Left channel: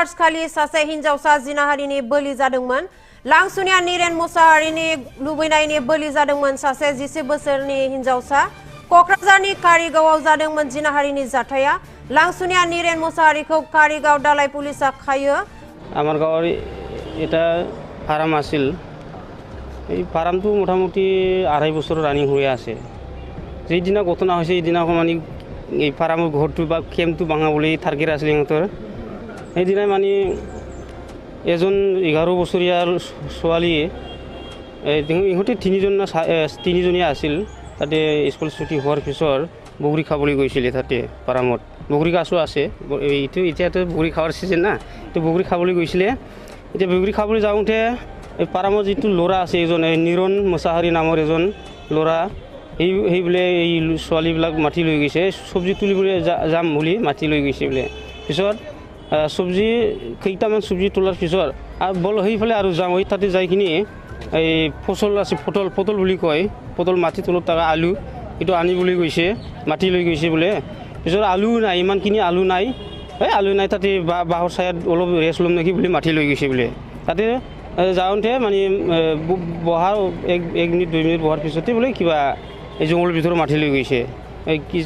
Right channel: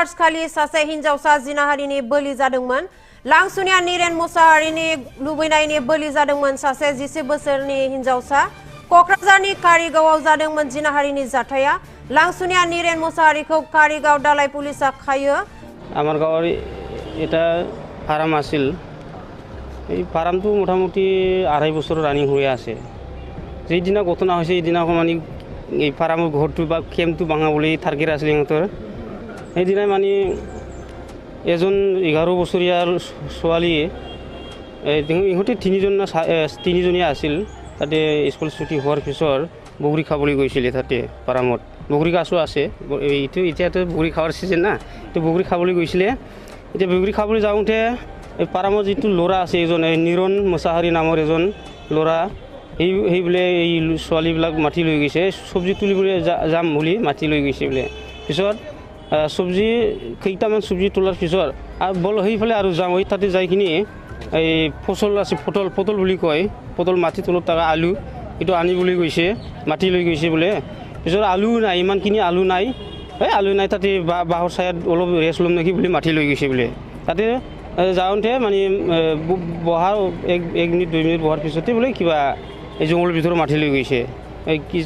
March खालि सासे हिनजावसा जिनाहारिनि बोलि जादोंमोन। लांसुनिया नीरेन मुसाहारिनि लुबैनायनि बोलि जादोंमोन सासे 10 बोसोरनि हिनजावसा। कक्राझारनि कारिगावआव जादोंमोन जिनाहारिनि जाथाया। लांसुनिया नीरेन मुसाहारिखौ कारिगाव दालाय पुलिसा खायो। আমার গাঁৱৰ এটা ফাৰ্ম আছিল। এই ফাৰ্মটো মোটামুটি 2.5 বছৰ ৰানিং হৈ আছে। যেইদিনা ঘটনা হৈছে এইদিনা মানে এই ফাৰ্মৰ ঘৰটো বা কেম্পটো ভাঙা বুলি টাৰ্গেট আছিল সিহঁতৰ। সেইদিনাই মানে এজন 11 বছৰীয়া ছোৱালীয়ে ইহঁতে তিনিজনীয়া আছিল। তাতে স্কুল ছুটি হোৱাৰ পিছত বগৰী খাবলৈ গৈছিলে তাতে ফাৰ্মত। বগৰী গছো আছে, এইটো এতিয়াতো বগৰী খাৱাৰ চিজন না, তো বগৰী খাবলৈ গৈছিলে। এতিয়া বগৰী খাবলৈ যাওঁতে এই ফাৰ্মৰ যিটো ল'ৰা আছে এজন নীৰণ মুছাহাৰী নামৰ এজন ল'ৰা, সেই বোলে এই ছোৱালীবিলাক মাতি লৈ গৈছে, চব্জি তুলিবলৈ যাম বুলি মাতি লৈ গৈছে বোলে। পিছত চব্জি কেইটামান চব্জি তোলাৰ পিছত আৰু বল সেইফালে আৰু যাওঁ, তাতে যাই কিনি এই ফচল আছে, পটল বুলি কয়, পটল মাটি তলত থকা আলু এইটো আনিবলৈ গৈছে, মাটি লৈ গৈছে বোলে। পিছত আলু নাই, ইমানখিনি আলু নাই, আলু নাই, তাতে বাঁহৰ ছায়াত অলপ ৰেষ্ট ল'ম নেকি বুলি মাটি লৈ গৈছে বোলে। তাতে যাওঁতে মানে বহাৰ 1 মিনিট 2 মিনিট বহাৰ পিছতে বোলে কিবা এই জংঘলৰ ভিতৰত মাটি লৈ গৈছে। কি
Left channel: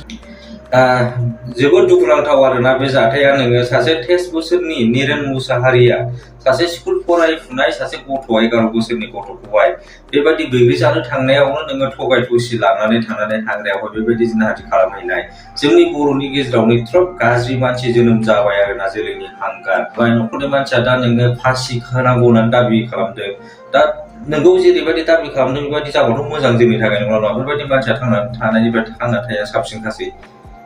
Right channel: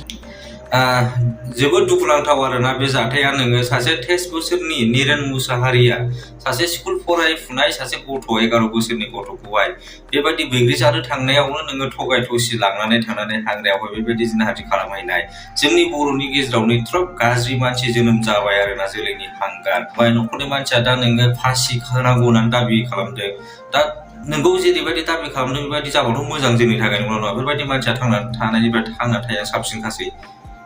जोबोद दुखुनांथाव आरोना बे जाथाया। नोङो सासे 23 बोसोरनि नीरेन मुसाहारिया सासे स्कुल फरायफुनाय सासे गथ' 11 बोसोरनि गथ'खौहाय बेबायदि बैग्रि जानो थांनायावनो नोङो थगाय थसि लानानै थांनानै हाग्रायावहाय बेबायदि जिनाहारि खालामहैनाय जोंनि बर'नि गेजेरावनो एथ्राब गाज्रि मानसि जोनोम जाबाय आरोना, जोलैनि हांगार। ओमफ्राय न'खरनि मानसिया दा नोङो फासि होनांगौ होननानै दाबि खालामदों। दा नोंगौ जेरैबायदि दाबि खालामदों बेबायदि जाबाथ' मोजां जोंनि थाखाय, नङा बेफोरबायदि मानसिया थांना थानाया साबसिनखासै।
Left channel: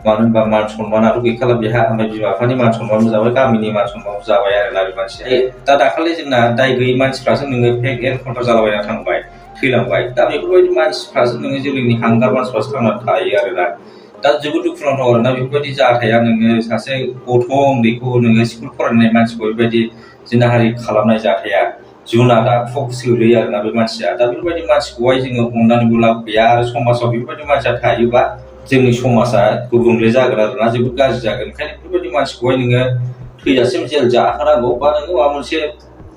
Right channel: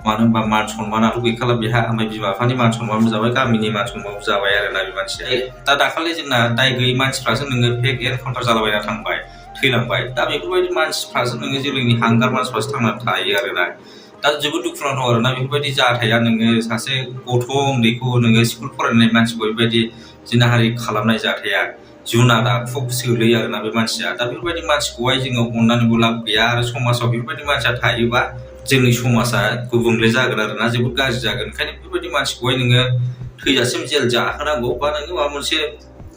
मानो होनबा मान सन्मानाथ' गैखाला बेहा, ओमफ्राय बिमा बिफानि मान सन्मानबो जाबाय, गामिनि मान सन्मानबो जाबाय आरोना बे मानसिया। दा दाखालि जोंना दाय गैयै मानसिफ्रासो नोङो फेक एनकाउन्टार जालाबायना थांबाय, थैलांबाय। दा बेफोरबायदि मानसिफ्रासो नोङो जोलैनि हांगार मानसिफ्रासो थांनानै थायो आरोना। दा जोबोद दुखुनांथाव आरोना बेफोरबायदि जाथाया। नोङो सासे गथ' उन्दैखौ नोङो स्कुल फरायनाय मानसिखौ बेबायदि जिनाहारि खालामनाय जाथाया जुनाद आखुआव गोलैयो आरोना बे मानसिया। दा बेफोरबायदि मानसिखौहाय जोङो अननानैबो लाब गैया, आरो समाजाव बेफोरबायदि मानसिया थायोबा जोंनि समाजा गुबुंले जागोन आरोना, जोबोद गाज्रि जागोन। ओंखायनो बेफोरबायदि मानसिखौहाय नोङो थैजासिम जेल जाहोनांगौ, बा नोङो माबा मोनसे,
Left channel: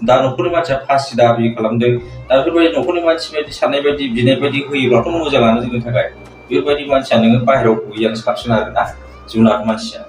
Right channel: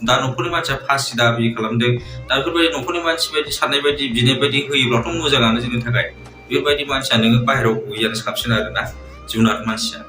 दा न'खरनि मानसिया फासि दाबि खालामदों, दा बेफोरबायदि न'खरनि मानसि बायदि साननाय बायदि बिनाय बायदि होयोब्लाथ' मोजाङानो जोंनि थाखाय। बेफोरबायदि मानसिया नोङो बाहेरायाव गैयानो साबसिन आरोना, जुनाद मानसिया।